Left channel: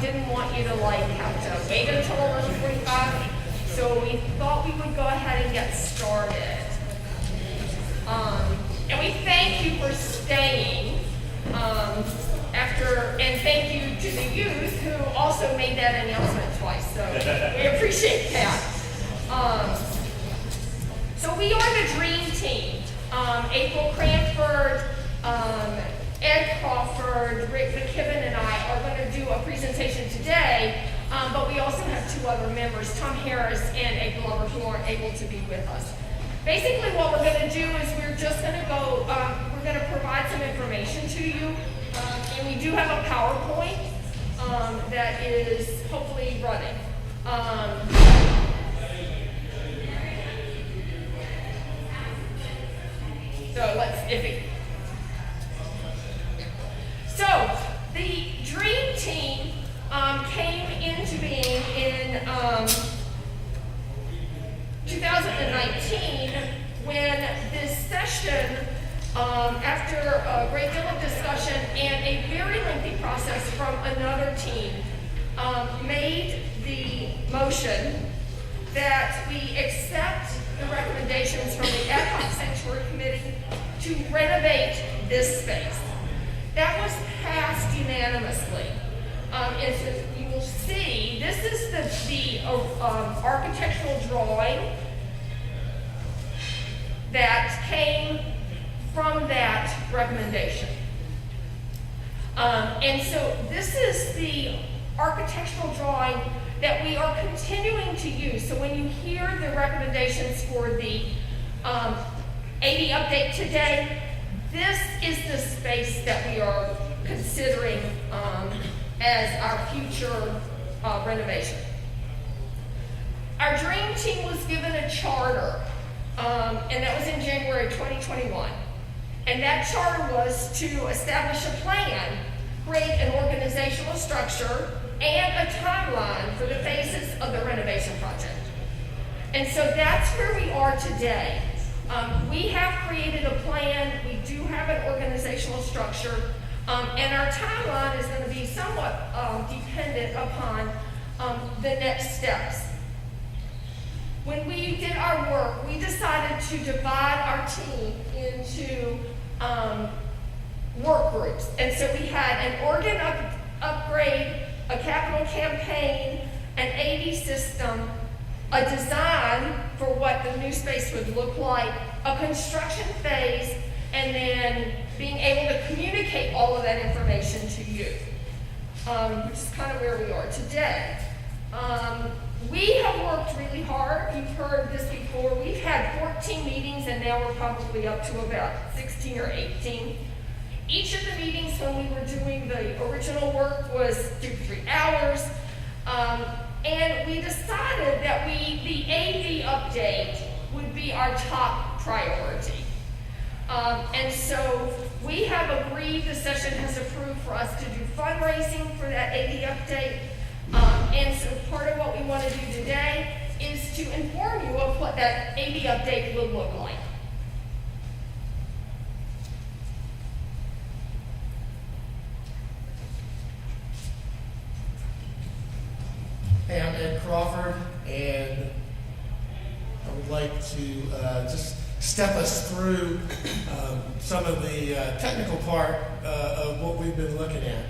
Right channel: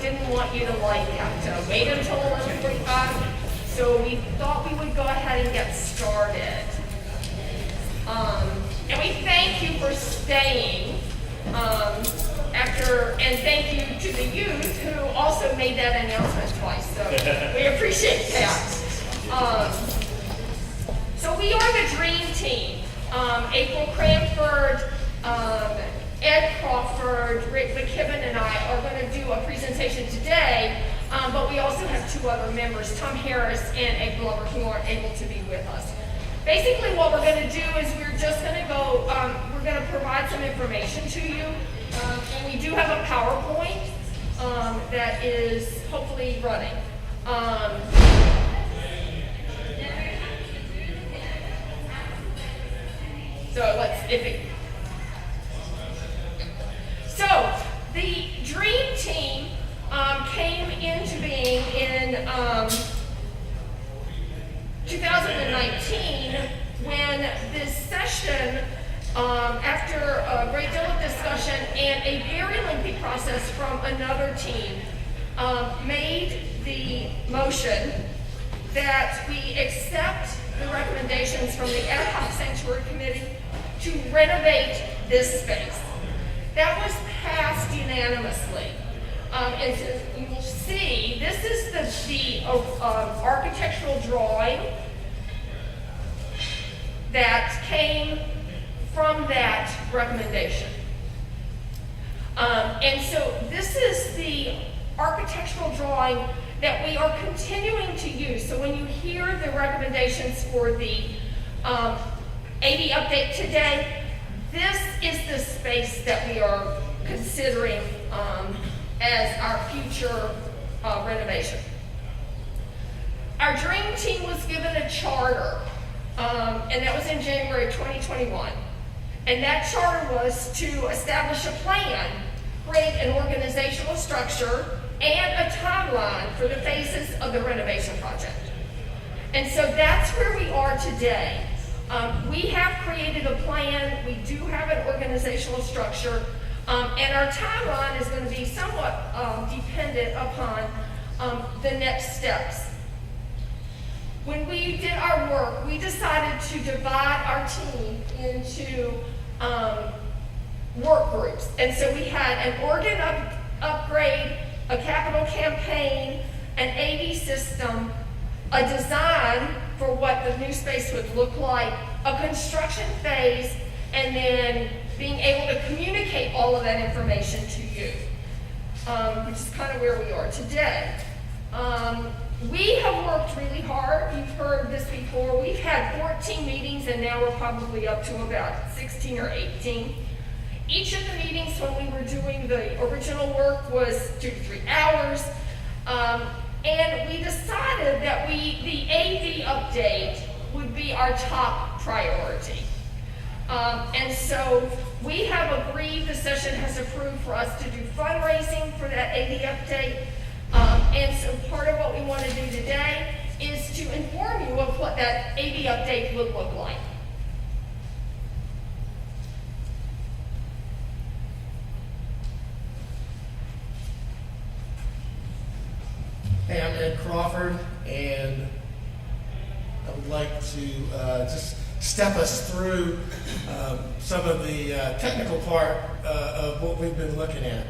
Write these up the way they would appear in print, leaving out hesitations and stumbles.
didn't want you to have to wait until 11:45, so we thought we would go ahead and get started. And we thank you for staying and thank you to the youth who also made that announcement twice, so we appreciate that. So we are the dream team. April Cranford, Ed Crawford, Rick McKibben, and I are going to do a presentation today, but we also have two other members, Tom Harris and Ed Glover, who aren't able to be with us. Basically what we're going to do is we're just going to go, we're going to provide some information to you, and we do have a PowerPoint that is hopefully running. So the Dream Team came into being in 2019 when this session, after a great deal of discussion and a very lengthy process from another team, made the motion that we accept the recommendations from the Ad Hoc Sanctuary Committee to renovate this space. That was passed unanimously. And so you will see, this is the architectural drawing that came from that recommendation. And so this is the architectural drawing that we are continuing to use. So when you hear the recommendations for the AD update today, this is the space that we are considering as our future renovation. Our Dream Team was given a charter, and that was in January 2021. And that charter was to establish a plan, create an organizational structure, and a timeline for the phases of the renovation project. And so that's where we are today. We have created a plan, we do have an organizational structure, and our timeline is going to be somewhat dependent upon the next steps. When we did our work, we decided to divide our team into work groups. And so we had an organ upgrade, a capital campaign, an AV system, a design for what the new space would look like, a construction phase, and then being able to communicate all of that information to you, which is kind of where we are today. We have worked really hard. You've heard this before. We've had 14 meetings, and now we're probably up to about 16 or 18. Each of the meetings when we were doing the original work was 2 to 3 hours. And we decided that the AV update would be our top priority. And so we have agreed, the session has approved for us to do fundraising for that AV update. And so part of what we want to do today is to inform you of what that AV update would look like. Hey, I'm Ed Crawford, and I would like to just step us through some of the technical part of what we've been looking at.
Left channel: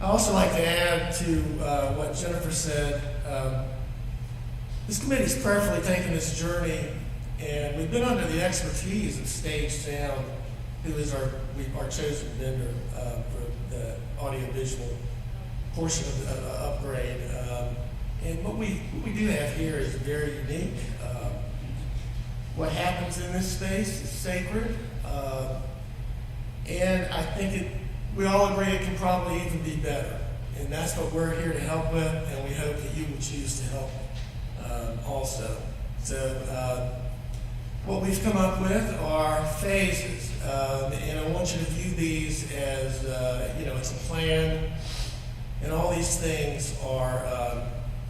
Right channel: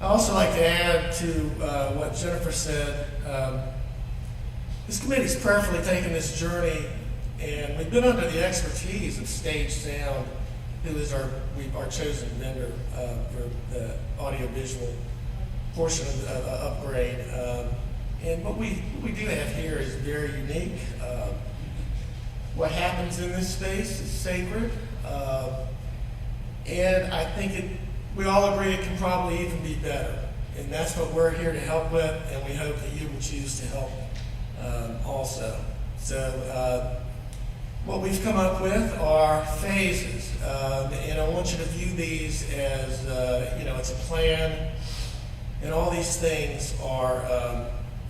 I also like to add to what Jennifer said. This committee's prayerfully taken this journey, and we've been under the expertise of Stage Sound, who is our chosen vendor for the audiovisual portion of the upgrade. And what we do have here is very unique. What happens in this space is sacred, and I think we all agree it can probably even be better. And that's what we're here to help with, and we hope that you will choose to help also. So what we've come up with are phases, and I want you to view these as, it's a plan. And all these things are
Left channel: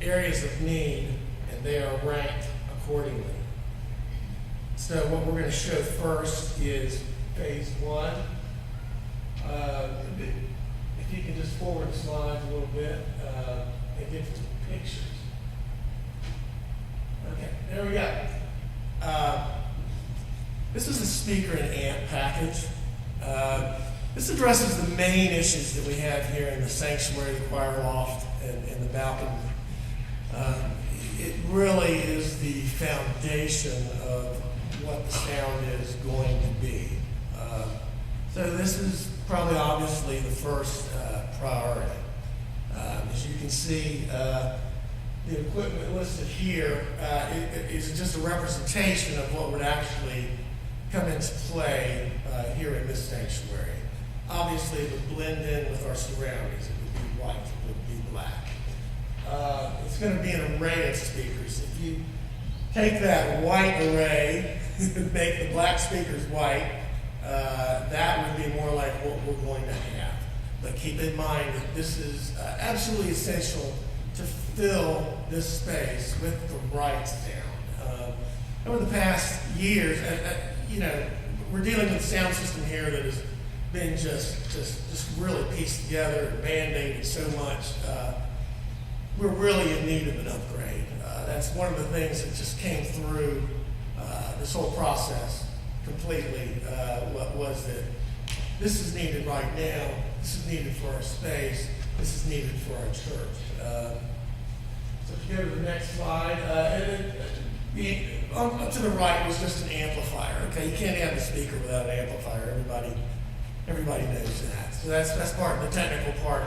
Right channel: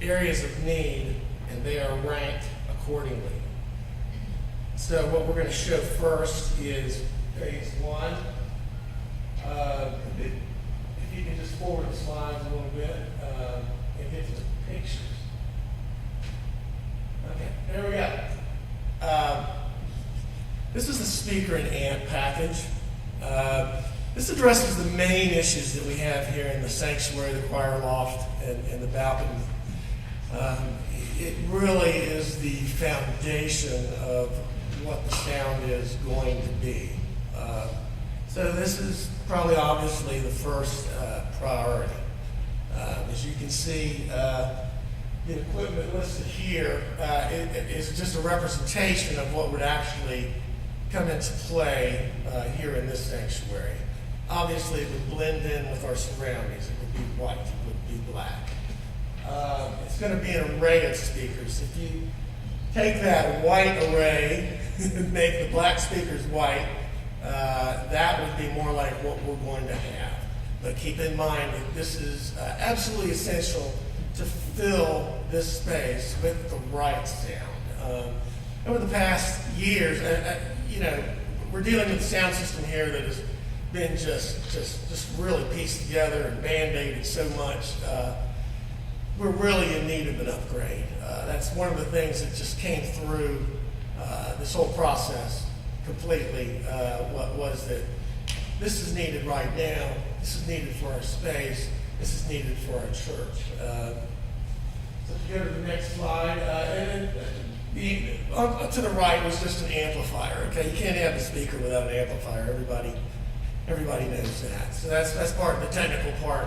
areas of need, and they are ranked accordingly. So what we're going to show first is phase one. If if you can just forward the slides a little bit and get to the pictures. Okay, there we go. This is the speaker and amp package. This addresses the main issues that we have here in the sanctuary, the choir loft, and the balcony. It really is the foundation of what the sound is going to be. So this is probably obviously the first priority. As you can see, the equipment listed here is just a representation of what would actually come into play here in this sanctuary. Obviously, it would blend in with our surroundings. It would be white, it would be black. It's going to be an array of speakers. If you take that white array and make the black speakers white, that would be more like what we're going to have. But keep in mind that this is absolutely essential to fill this space with the right sound. Over the past years, we're dealing with a sound system here that has been just really pieced together and band-aided so much. We're really in need of an upgrade. That's one of the things that just came through this whole process completely, was that this is needed right now. This is needed for our space. This is needed for our church. So if you go to the next slide, up to the right was just an amplifier. Okay, you can't have the speaker without an amplifier. Everybody knows that. So that's part of the technical part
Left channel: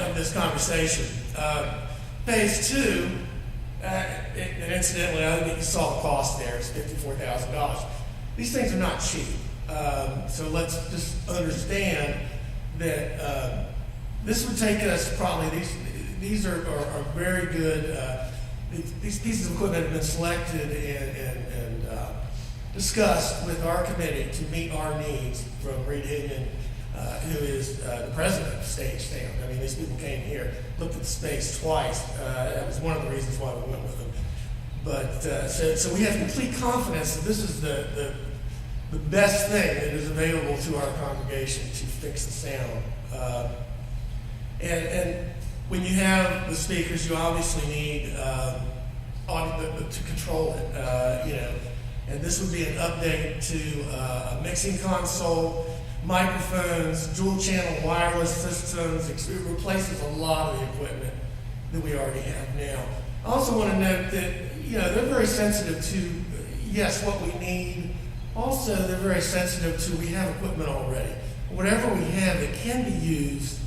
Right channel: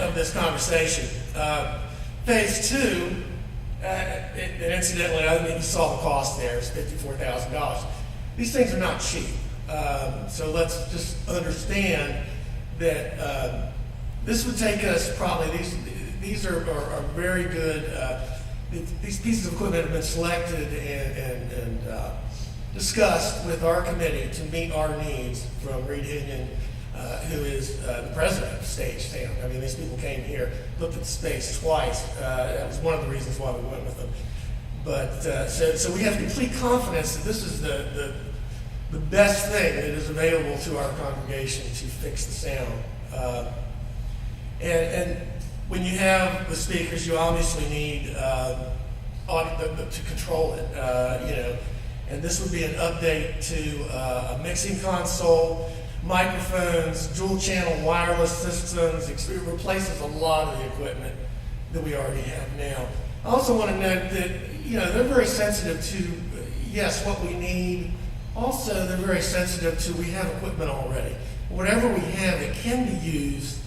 of this conversation. Phase two, and incidentally, I think you saw the cost there. It's $54,000. These things are not cheap. So let's just understand that this would take us probably, these are very good, these pieces of equipment have been selected and discussed with our committee to meet our needs from Reed Higdon, who is the president of Stage Sound. I mean, these people came here, looked at the space twice. That was one of the reasons why we went with them. But so we have complete confidence that this is the best thing that is available to our congregation to fix the sound. And when you have the speakers, you obviously need to control it, And this would be an update to a mixing console, microphones, dual channel wireless systems. It replaces a lot of the equipment that we already have now. I also want to note that, they're very sensitive to, yes, what we need. Also, they're very sensitive to, we have equipment already. Whatever we have that can be used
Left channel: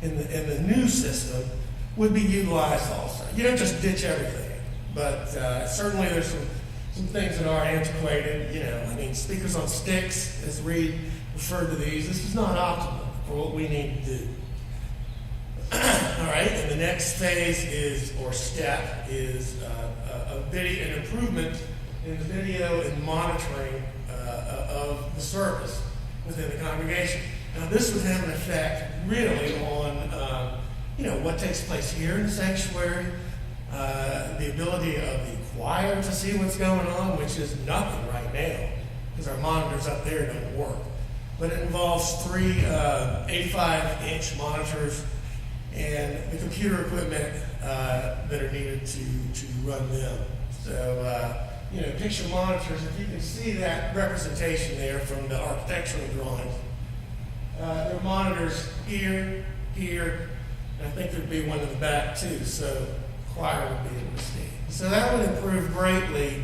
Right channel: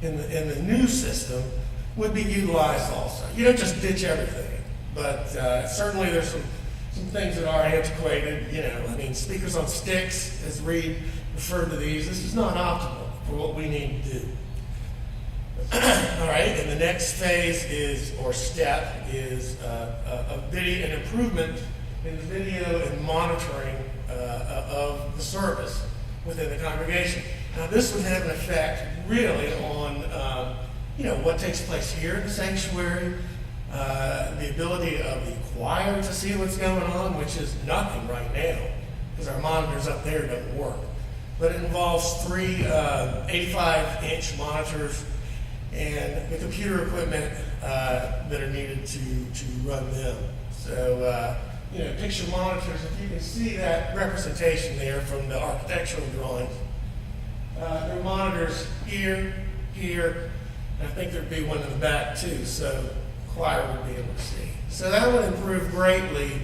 in the new system would be utilized also. You don't just ditch everything, but certainly there's some things that are antiquated. Speakers on sticks, as Reed referred to these. This is not optimal for what we need to do. All right, and the next phase is an improvement in the video and monitoring of the service within the congregation. Now, this would have an effect really on what takes place here in the sanctuary, the ability of the choir to see what's going on, which is nothing right now because our monitors up there don't work. But it involves three 85-inch monitors and the computer equipment that are needed to run them. So, picture monitors, if you can see that representation there from the architectural drawings, there are monitors here, and I think there'd be one in the back too, so choir would be able to see. So that would improve greatly,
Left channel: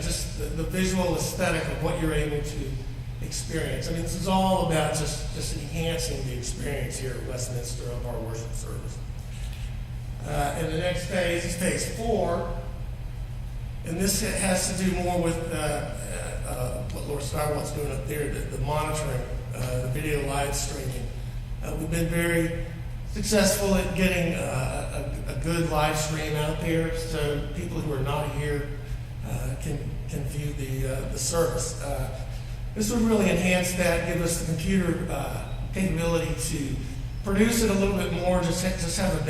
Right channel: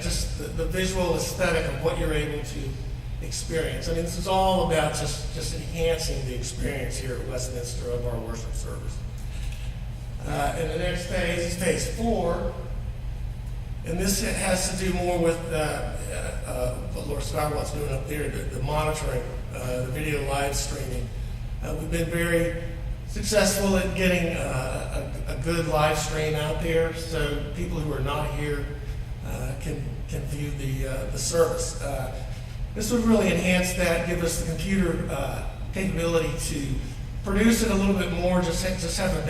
just the visual aesthetic of what you're able to experience. This is all about just enhancing the experience here at Westminster of our worship service. And the next phase is phase 4. And this has to do more with what Laura Scarlett's doing up there, the monitoring, the video live streaming. We've been very successful at getting a good live stream out there, so people who are not here can view the service. This would really enhance that, give us the computer capability to produce it a little bit more, just have a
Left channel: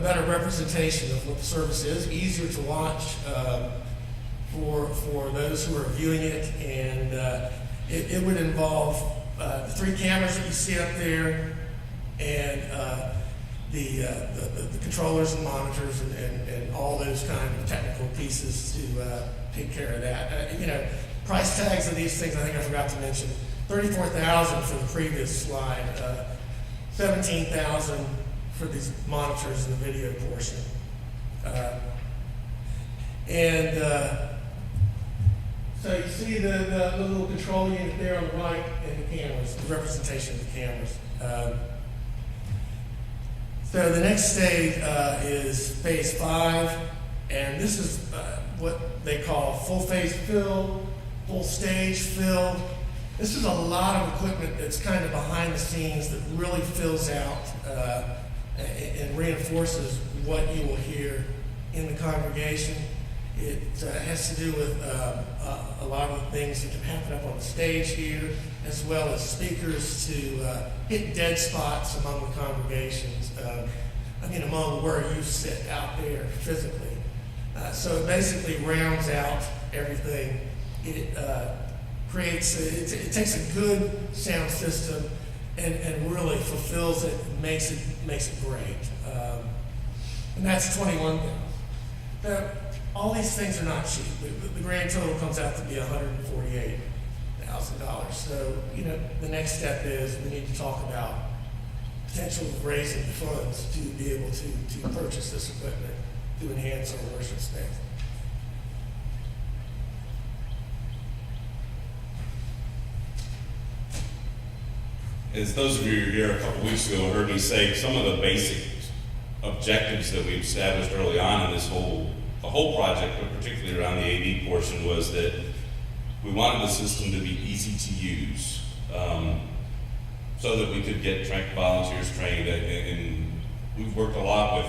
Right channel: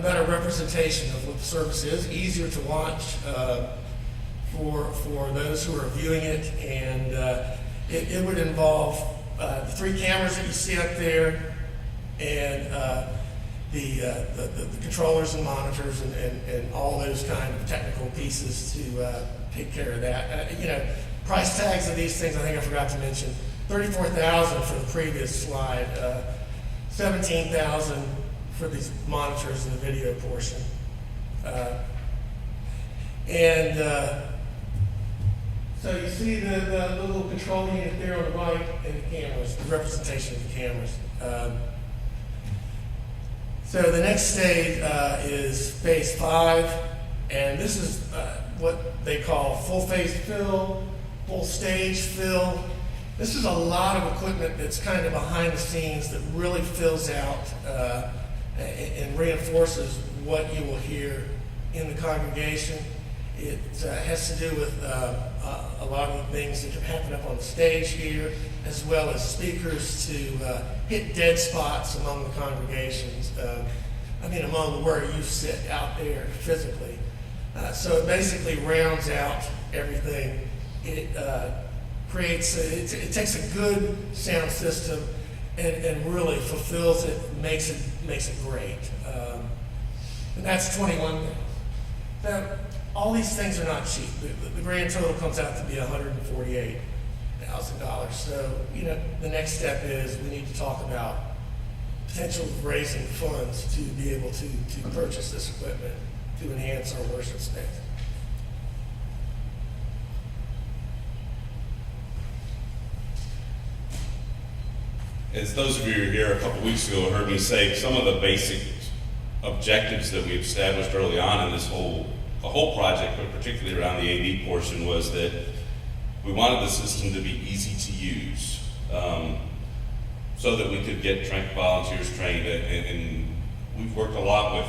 better representation of what the service is, easier to watch for those who are viewing it, and it would involve the 3 cameras that you see up there, and the controllers and monitors and all those kind of technical pieces to take care of that. Price tags of these things, I think I forgot to mention, $34,000 for the previous slide, $17,000 for these monitors and the video portion. So you see the little control unit there on the right, and the cameras, the representation of the cameras. So the next stage is phase 5, and this is what they call full phase fill, full stage fill. This is a lot of equipment that's kind of behind the scenes that really fills out and reinforces what you will hear in the congregation. It has to do with a lot of the things that can happen up on the stage here, as well as speakers to hit dead spots among the congregations. Among where you sit out there physically. So it basically rounds out everything. It creates, it takes a good sound system and really fulfills it, makes it great. And that's $21,000. Now, all these things are not cheap. The grand total comes out to be $148,000. So, the next step is we need to talk about potential of raising funds to be able to purchase this equipment to enhance our worship space. As those of you who were here a couple weeks ago heard me say, some of the basic objectives that we established early on in the whole project, but particularly around the AV portion, was that we wanted the system to be easy to use, so that we could get volunteers trained. And we've worked a lot with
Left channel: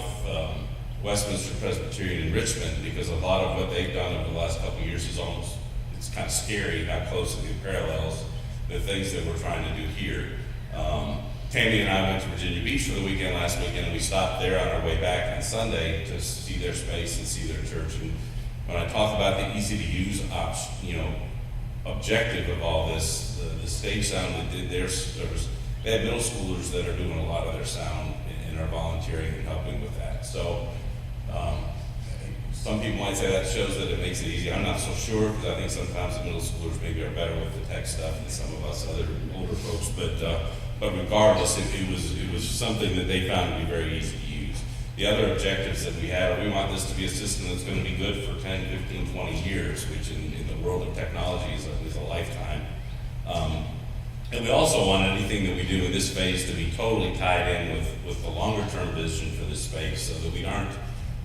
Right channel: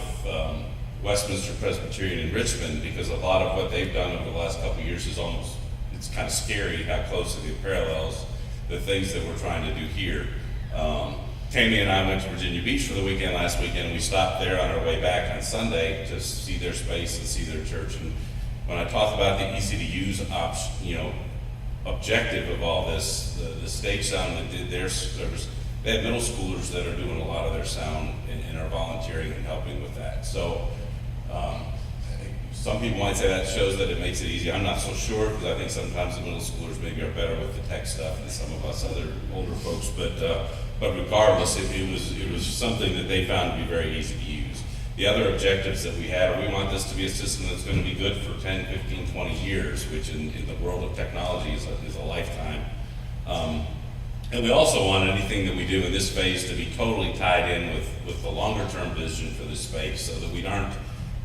Westminster Presbyterian in Richmond, because a lot of what they've done over the last couple of years is it's kind of scary how closely it parallels the things that we're trying to do here. Tammy and I went to Virginia Beach for the weekend last weekend, and we stopped there on our way back on Sunday to see their space and see their church. And when I talk about the easy to use objective of all this, the stage sound that did their service, they have middle schoolers that are doing a lot of their sound and are volunteering and helping with that. So some people might say that shows that it makes it easy. I'm not so sure, because I think sometimes the middle schoolers maybe are better with the tech stuff than some of us other older folks. But regardless, it was something that they found to be very easy to use. The other objectives that we had are, we want this to be a system that's going to be good for 10, 15, 20 years, which in the world of technology is a lifetime. And we also want anything that we do in this phase to be totally tied in with the longer term vision for this space, so that we aren't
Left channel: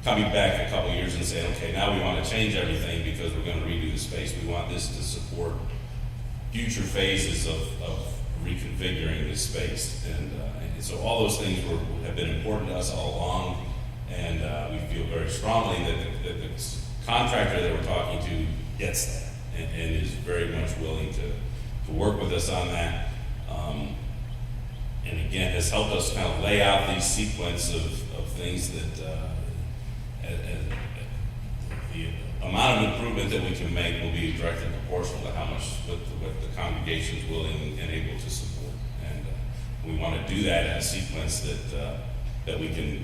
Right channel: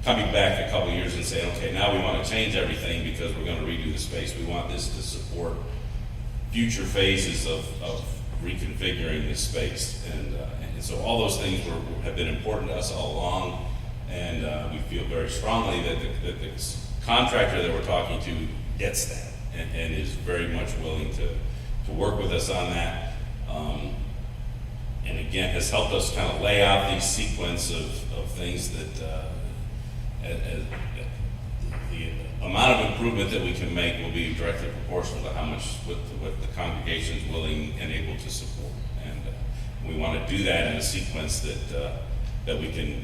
coming back a couple years and saying, okay, now we want to change everything because we're going to redo the space. We want this to support future phases of reconfiguring this space. And so all those things have been important to us all along, and we feel very strongly that the contractor that we're talking to gets that and is very much willing to work with us on that. And again, has helped us kind of lay out these sequence of things that the amount of improvement that we can make will be directly proportional to how much what the congregation is willing and able to support. And we want to do that in a sequence that we can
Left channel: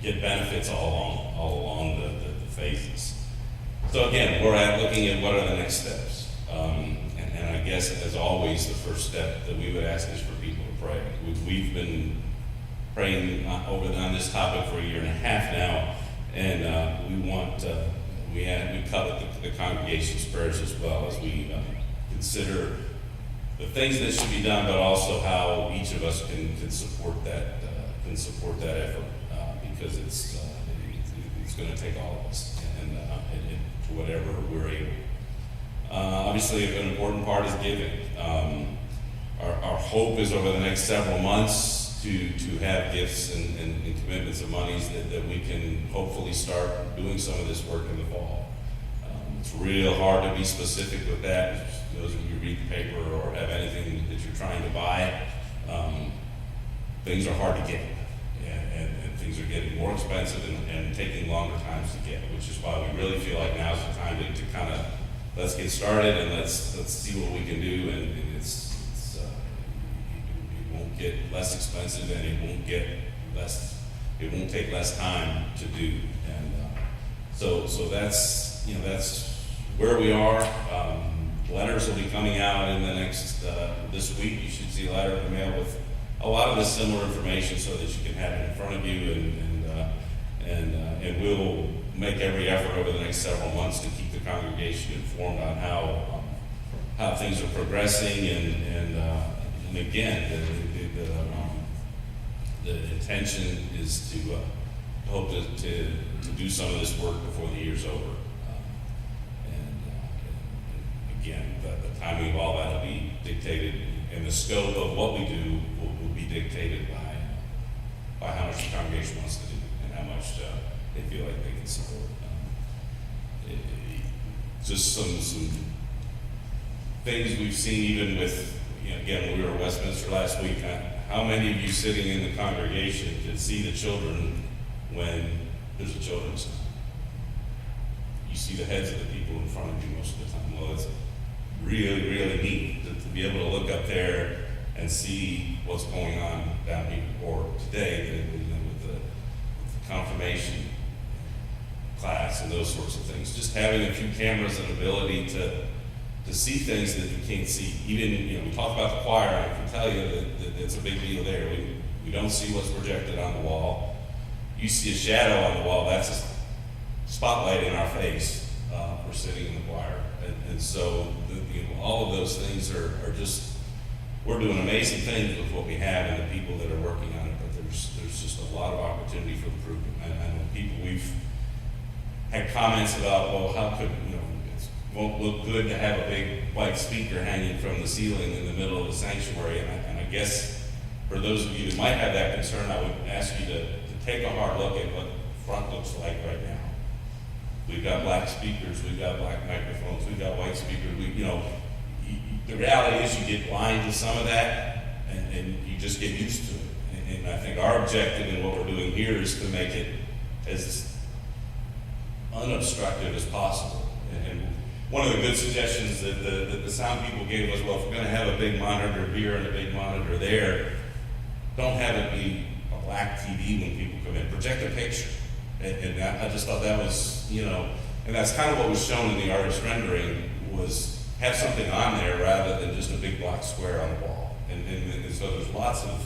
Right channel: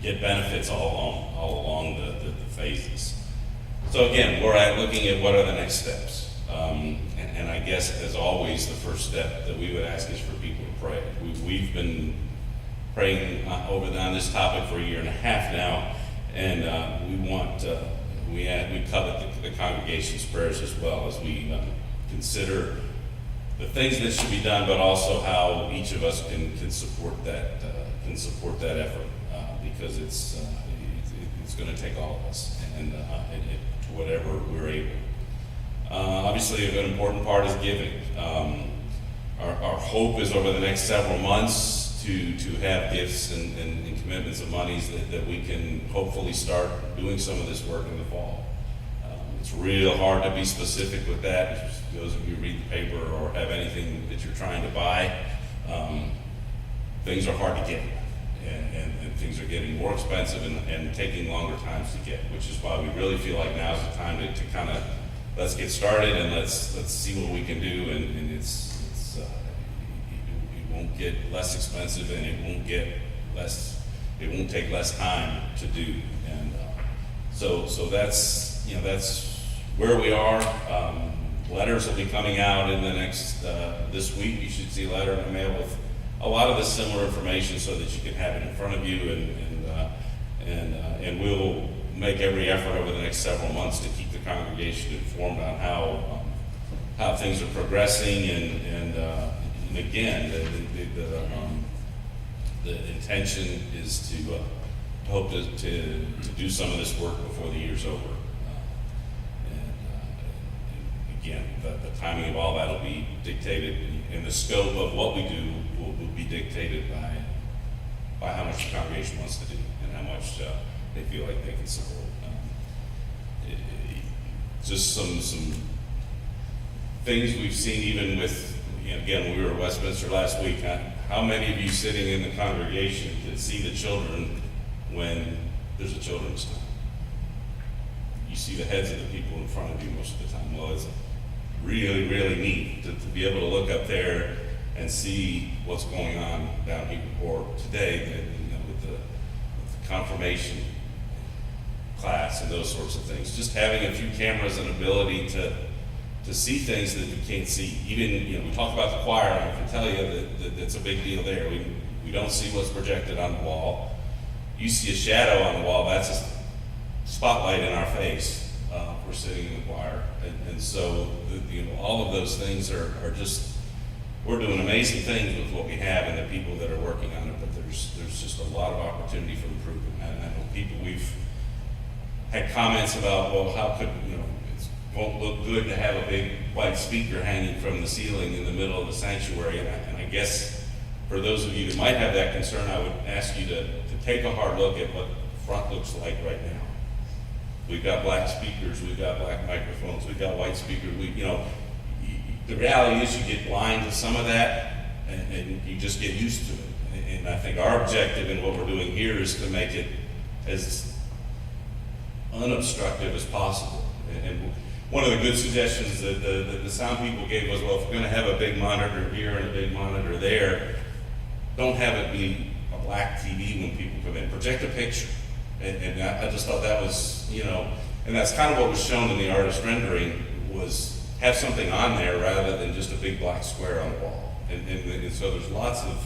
get benefits all along the phases. So again, we're looking at what are the next steps. And I guess, as always, the first step that we would ask is for people to pray. We've been praying on this topic for 1.5 years now, and we covet the congregation's prayers as well, as we consider the things that should be done, but also how each of us can support that effort, because it's going to take all of us, and to whatever we're able. Obviously, an important part is giving. Our hope is over the next several months to have gifts and commitments of monies that we can hopefully start doing some of this work in the fall. It's real hard to be specific with that. Those of you who read the paper or have anything that you're trying to buy, things are hard to get, and things are getting more expensive and taking longer times to get, which is why we really feel like now's the time to kind of let's get started and let's see what we can do, and won't get less expensive, and it won't take less time to do. And so that's, that's where we are. Letters will be coming out in the next, this week. You should see a letter in the mail with a lot of the similar information so that you can have it in front of you, and we'll make every effort over the next several months to keep the congregation informed on how things are progressing, and again, the intention is to hope to do some of this work before the year's over. And again, the timing of all that will be dictated, and the scope of what we do will be dictated by how much the congregation wants to do and how much they feel like they can support. Just some things we've seen, even with, again, when we were at Westminster last week, how many of you sitting in the congregation can see the children when there's a children's time? You see the heads of the people in front of you most of the time. Well, it's really, really neat to be able to look up there and see what's going on down here. Or today, with the confirmation class and those sorts of things. Just having a few cameras and ability to see things that you can't see. Even, we talk about the choir, and I can tell you that it's a big deal there. We don't see what's projected on the wall. You see a shadow on the wall, that's a spotlight in our face. We're sitting in the choir. And so, all of those things are just, we're doing amazing things with what we have and the people that are working on it, but there's just a lot of opportunity for improvement. I know people, we've had comments about, well, how could, it won't look good to have a big white speaker hanging from the ceiling in the middle of the sanctuary. And I guess for those of you that might have that concern, I would ask you to take a hard look at what the front looks like right now. We've got black speakers, we've got black microphones, we've got white speakers. The reality is you get blind to some of that, and you just get used to it. And I think our objective in what we're doing here is to make it as unobstructive as possible. And one of the good suggestions that the sound people gave was, well, if we're going to have a big monitor here and a big monitor there, don't have it be a black TV when people come in. Project a picture. And I just thought that was, and that's kind of what was shown in the artist rendering, was have something on there rather than just a big black square on the wall. And so there's lots of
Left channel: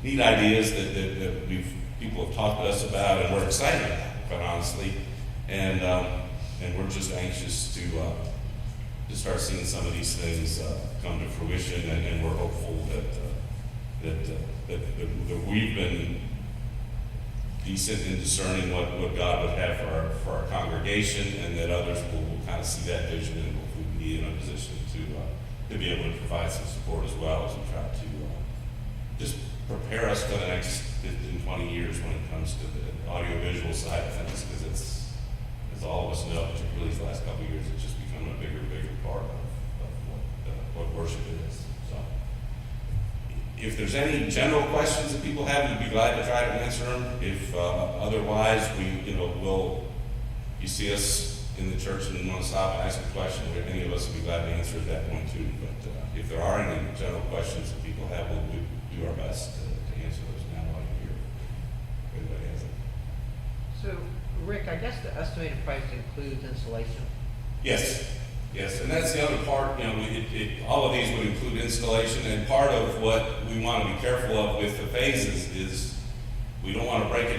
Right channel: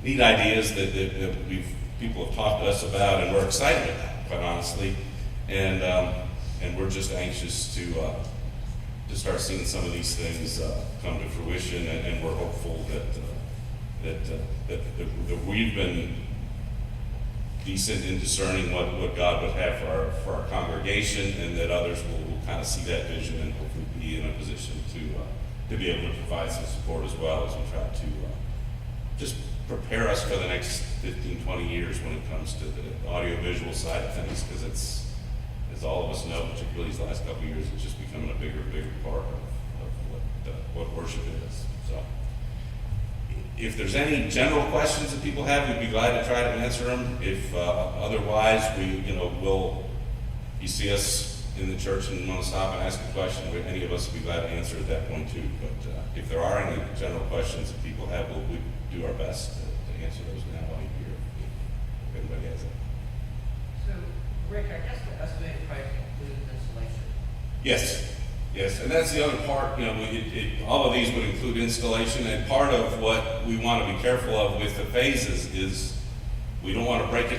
neat ideas that people have talked to us about, and we're excited about, quite honestly. And we're just anxious to start seeing some of these things come to fruition, and we're hopeful that we've been decent in discerning what God would have for our congregation, and that others will kind of see that vision and hopefully be in a position to be able to provide some support as well as we try to just prepare us for the next 15, 20 years when it comes to the audiovisual side of things, because it's, as all of us know, particularly these last couple of years, it's just becoming a bigger and bigger part of what worship is. So, if there's any general questions that people have, we'd be glad to try to answer them. If otherwise, you see us in the church and want to stop and ask a question, any of us would be glad to answer at that point too. But if there are any general questions that people have, we'll do our best to answer those now while you're here, if anybody has it. So, Rick, I guess the estimated price includes installation? Yes, and that's the other part. All of these would include installation, and part of what we want to be careful of with the phases is we don't want to break it.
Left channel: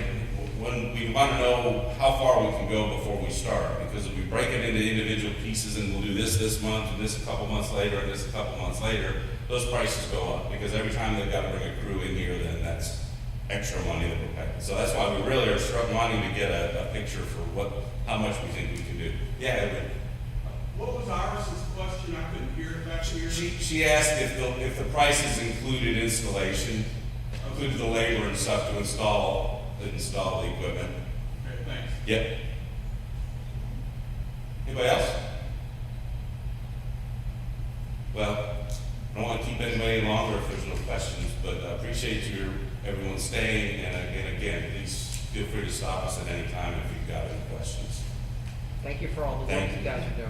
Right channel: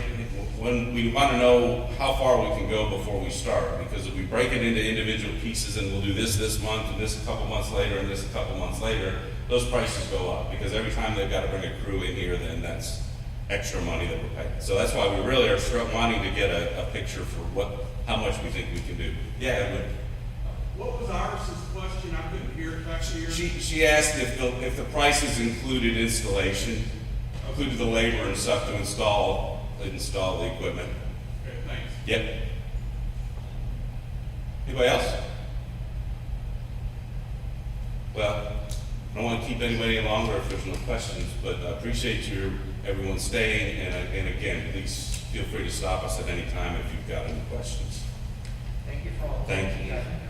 When we want to know how far we can go before we start, because if we break it into individual pieces and we'll do this month and this a couple months later and this a couple months later, those prices go up, because every time they've got to bring a crew in here, then that's extra money that we're paying. So that's why we really are wanting to get a picture for how much we think we can do. Yeah, Edwin. What was Iris's question? I couldn't hear it back here. She asked if the prices included installation, included the labor and stuff to install the equipment. Okay, thanks. Yep. Anybody else? Well, I don't want to keep anybody any longer if there's no questions, but I appreciate everyone staying, and again, please feel free to stop us at any time if you've got any questions. Thank you for all the work Thank you you. guys are doing.